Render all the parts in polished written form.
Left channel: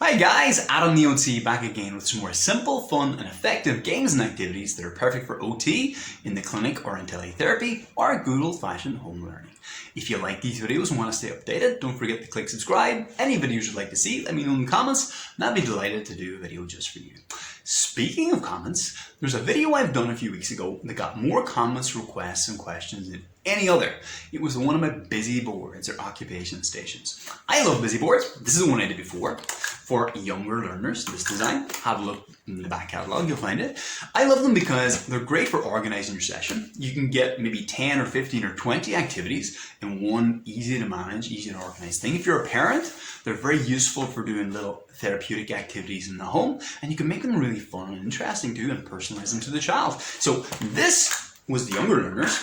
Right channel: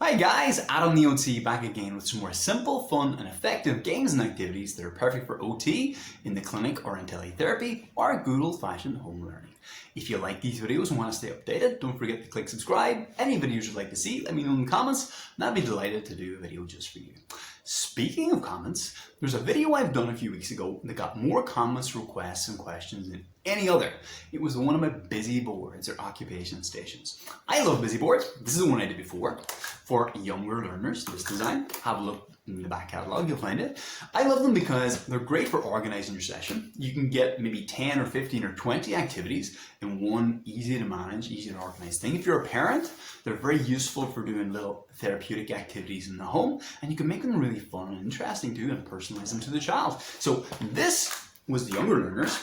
Hi guys, Adam the OT back again with some more simple, fun and effective games and activities that are perfect for OT in the clinic or in teletherapy or good old-fashioned home learning. If you like these videos and want to stay updated, don't forget to click subscribe. Any videos you'd like to see, let me know in the comments and I'd be delighted to do a video just for you. Speaking of comments, there's a video I've done a few weeks ago that got more comments, requests and questions than any other. It was one of my busy boards or occupation stations. I love busy boards. This is the one I did before. For younger learners, this design, have a look in the back catalogue, you'll find it. I love them because they're great for organizing your session. You can get maybe 10 or 15 or 20 activities in one easy to manage, easy to organize thing. If you're a parent, they're very useful for doing little therapeutic activities in the home, and you can make them really fun and interesting too and personalize them to the child. So this was the younger learners.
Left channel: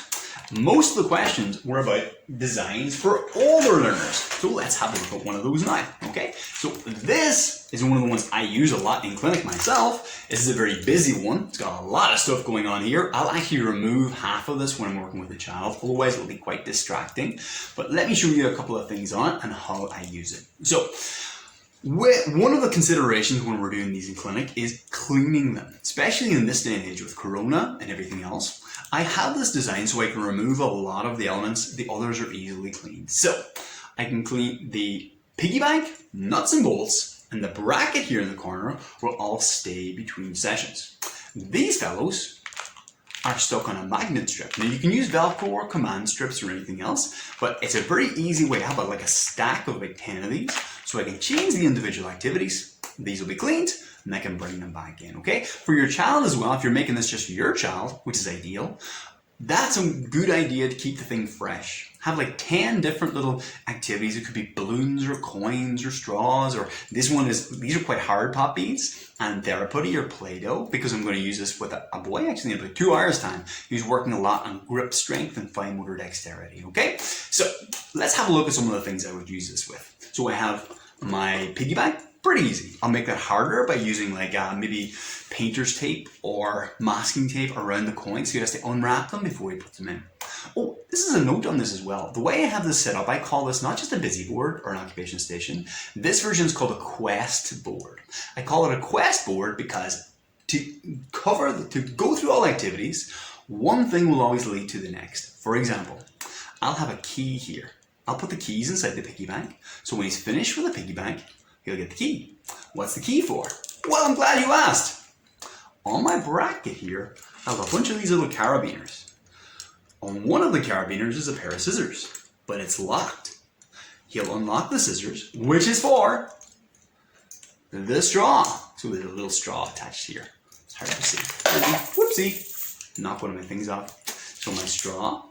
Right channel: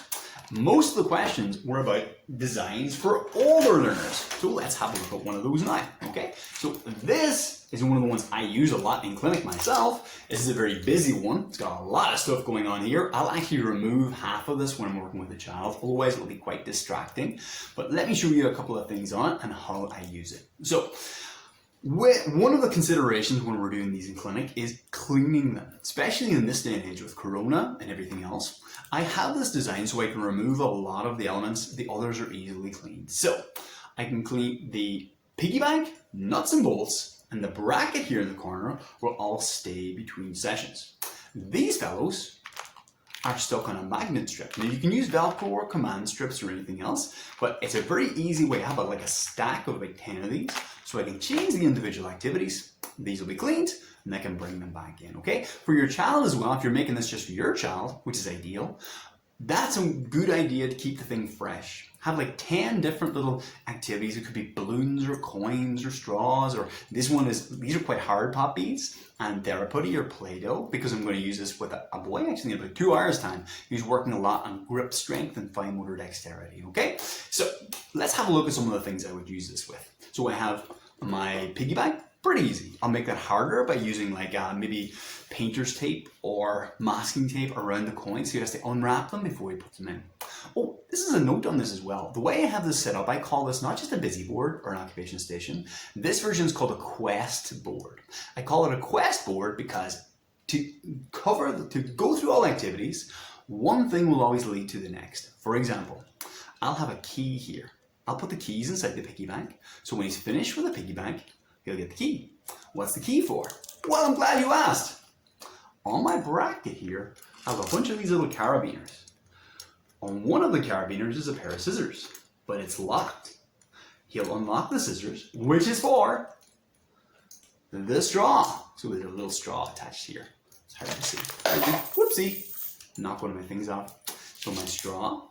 Most of the questions were about designs for older learners. So let's have a look at one of those now, okay? So this is one of the ones I use a lot in clinic myself. This is a very busy one. It's got a lot of stuff going on here. I'll actually remove half of this when I'm working with a child, otherwise it'll be quite distracting. But let me show you a couple of things on it and how I use it. So one of the considerations when we're doing these in clinic is cleaning them, especially in this day and age with Corona and everything else. I have this design so I can remove a lot of the elements, the others are easily cleaned. So I can clean the piggy bank, nuts and bolts, and the bracket here in the corner will all stay between sessions. These fellows are stuck on a magnet strip. Now you can use Velcro or command strips or anything else, but it's a very easy way. I have like a stack of about 10 of these, so I can change the individual activities. These will be cleaned, and I can bring them back in, okay? For your child as well, if you're making this just for your child, which is ideal, that's a good idea to keep the thing fresh. Have like 10 different little activities. It could be balloons or coins or straws, or these are quite hard pop beads and therapy or Play-Doh, because I'm going to use this with a boy actually in about 2 hours time. He's working a lot on grip strength and fine motor dexterity, okay? So let's have a look at some of the things I would use this with. So I have my piggy bank. Pretty easy. I'll make that harder by using like maybe painter's tape or masking tape around the coins, so he has to unwrap them before he puts them in. Oh, this is a note on this as well. The way I have this set up, I call this not just a busy board or an occupation station. This version is called a quest board. I call it a quest board because to go through all activities, one thing will always lead to the next. For example, I'll have a key here. I'll put the keys inside the piggy bank, so when he's finished with the piggy bank, he'll get the key. What's the key for? Well, I'm glad you asked. On my bracket here, I have a bunch of these little carabiners. On one of the carabiners is a pair of scissors, but it's locked. He'll unlock the scissors, which is for the straw. So there's a little straw attached here. It's hard to see. Whoopsie. Knock one of my things off. So my straw,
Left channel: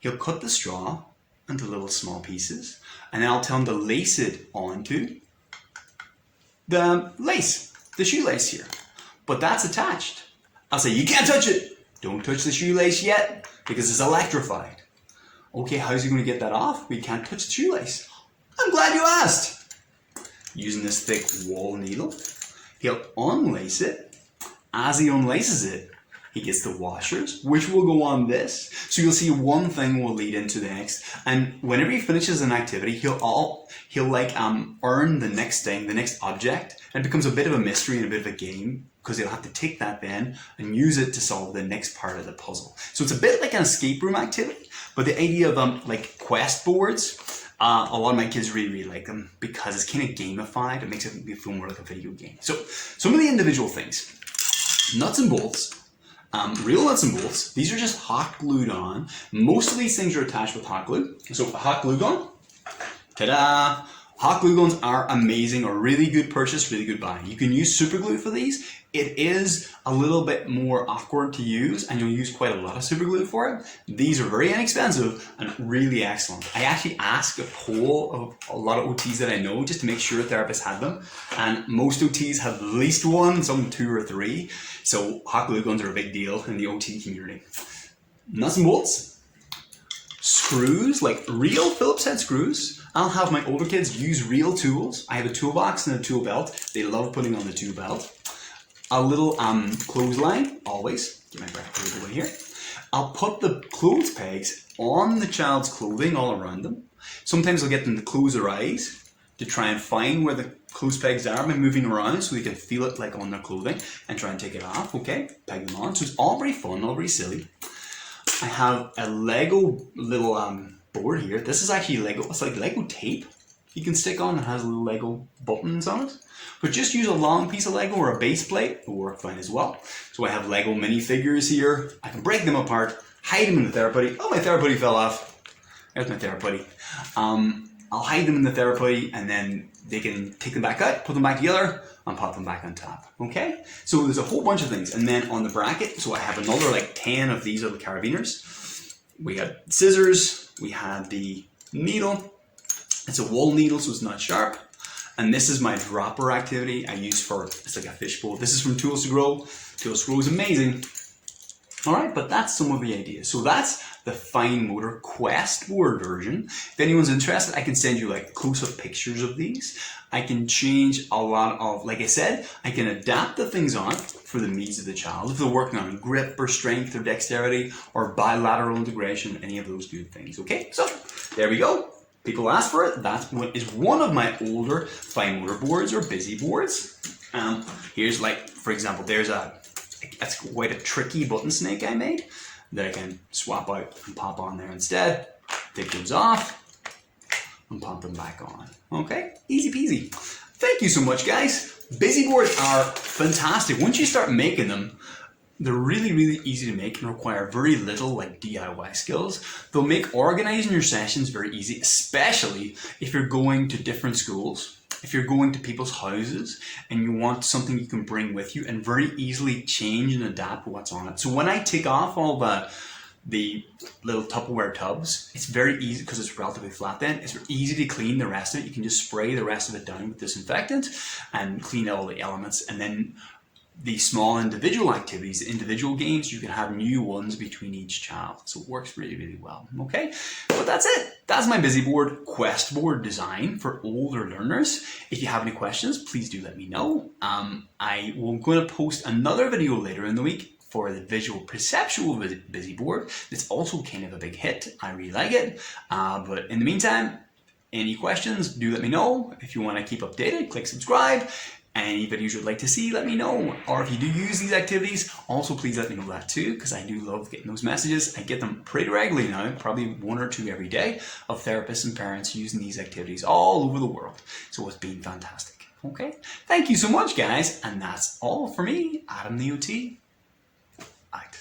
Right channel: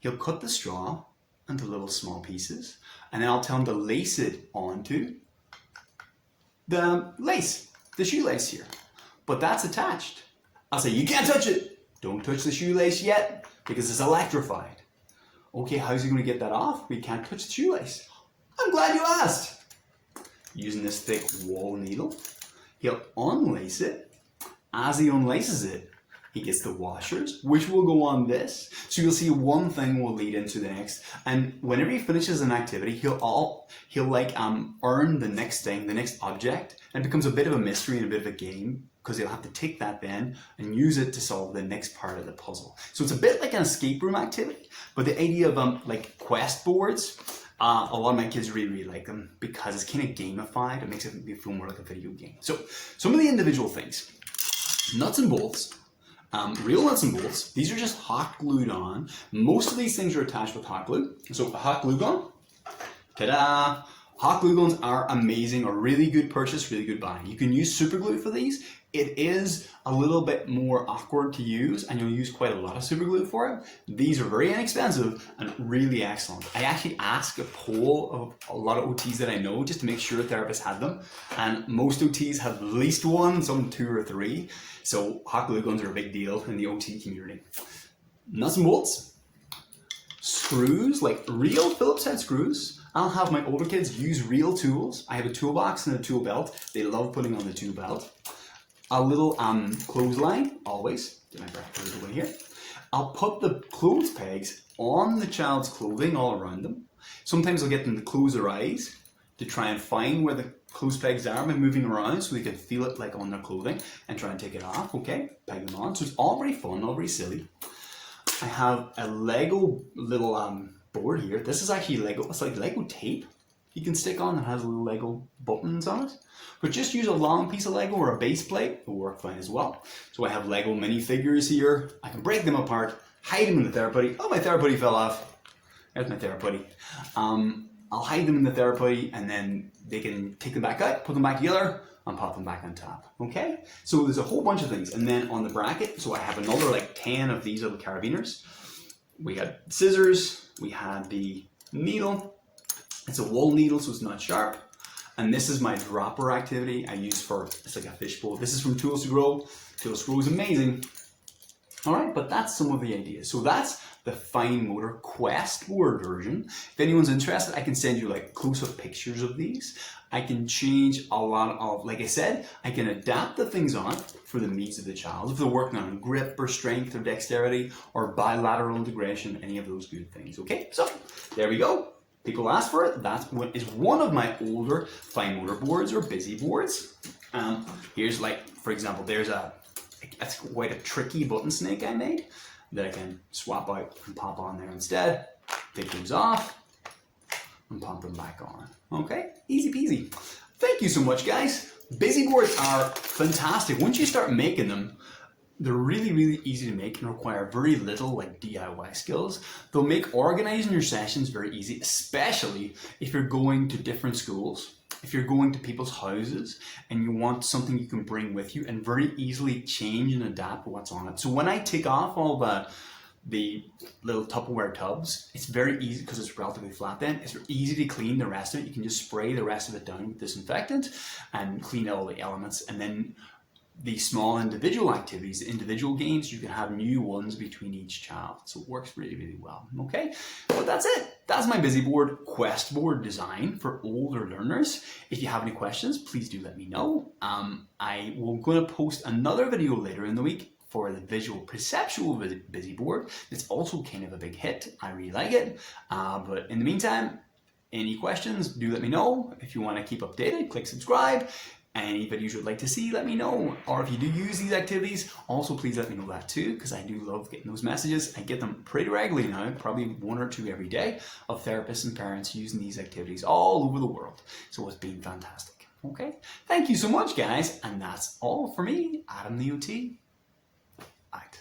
he'll cut the straw into little small pieces, and then I'll tell him to lace it onto the lace, the shoelace here. But that's attached. I'll say, you can't touch it. Don't touch the shoelace yet because it's electrified. Okay, how's he going to get that off? We can't touch the shoelace. I'm glad you asked. Using this thick wall needle, he'll unlace it. As he unlaces it, he gets the washers, which will go on this. So you'll see one thing will lead into the next. And whenever he finishes an activity, he'll earn the next thing, the next object. And it becomes a bit of a mystery and a bit of a game, because he'll have to take that then and use it to solve the next part of the puzzle. So it's a bit like an escape room activity, but the idea of like quest boards, a lot of my kids really like them because it's kind of gamified. It makes it feel more like a video game. So some of the individual things, nuts and bolts, real nuts and bolts, these are just hot glued on. Most of these things are attached with hot glue. So a hot glue gun, ta-da! Hot glue guns are amazing, or really good purchase, really good buy. You can use super glue for these. It is a little bit more awkward to use, and you'll use quite a lot of super glue for it. These are very inexpensive and really excellent. I actually asked a poll of a lot of OTs that I know just to make sure therapists had them, and most OTs have at least one, some 2 or 3. So hot glue guns are a big deal in the OT community. Nuts and bolts, screws, like real Phillips head screws. I'll have my older kids use real tools. I have a toolbox and a tool belt. They love putting on the tool belt. A little clothesline, always. Get my bracket away here. I'll put the clothes pegs on the child's clothing all around them. Sometimes I'll get them to close their eyes to try and find where the close pegs there. I'm moving around so they can feel it like on their clothing and try and take it off. Okay, peg them on. So it's all very fun, all very silly. I have a Lego little board here. This is actually Lego. It's like Lego tape you can stick on. It has little Lego buttons on it. But just use a long piece of Lego or a base plate. It will work fine as well. So I have Lego minifigures here. I can break them apart, hide them in the therapy. Oh, my therapy fell off. There's my therapy. I'll hide them in the therapy and then they can take them back out, put them back together, and pop them back on top. Okay? So there's a whole bunch of things. And then on the bracket, so I have another like 10 of these little carabiners. We had scissors, we had the needle. It's a wool needle, so it's not sharp. And this is my dropper activity I use for, it's like a fishbowl. This is from Tools to Grow. Tools to Grow is amazing. All right, but that's some of the ideas. So that's the fine motor quest board version. If anyone's interested, I can send you like close-up pictures of these. I can change a lot of, like I said, I can adapt the things on for the needs of the child. If they're working on grip or strength or dexterity or bilateral integration, any of those good things. Okay, so there we go. People ask for it. That's what is one of my older fine motor boards or busy boards. Here's like, for example, that's quite a tricky button snake I made that I can swap out and pop on there instead. Take those off and pop them back on. Okay, easy peasy. Thank you so much, guys. Busy boards are fantastic. Once you start making them, they're really, really easy to make and require very little like DIY skills. They'll make organizing your sessions very easy, especially if you're going to different schools, if you're going to people's houses and you want something you can bring with you and very easily change and adapt what's on it. So when I take off all the little Tupperware tubs, it's very easy because it's relatively flat then. It's easy to clean the rest of it. You can just spray the rest of it down with disinfectant and clean out all the elements, and then the small individual activities, individual games, you can have new ones between each child. So it works really, really well. Okay, but that's it. That's my busy board quest board design for older learners. If you have any questions, please do let me know. I'm going to post another video later in the week for the visual perceptual busy board. It's also kind of a big hit. I really like it. But in the meantime, any questions, do let me know. If you want to keep updated, click subscribe. Any videos you'd like to see, let me know. Or if you do use these activities, also please let me know that too, because I do love getting those messages. I get them pretty regularly now, probably 1 or 2 every day, of therapists and parents using these activities all over the world. So it's been fantastic. Okay, thank you so much, guys, and that's all for me, Adam the OT. Out.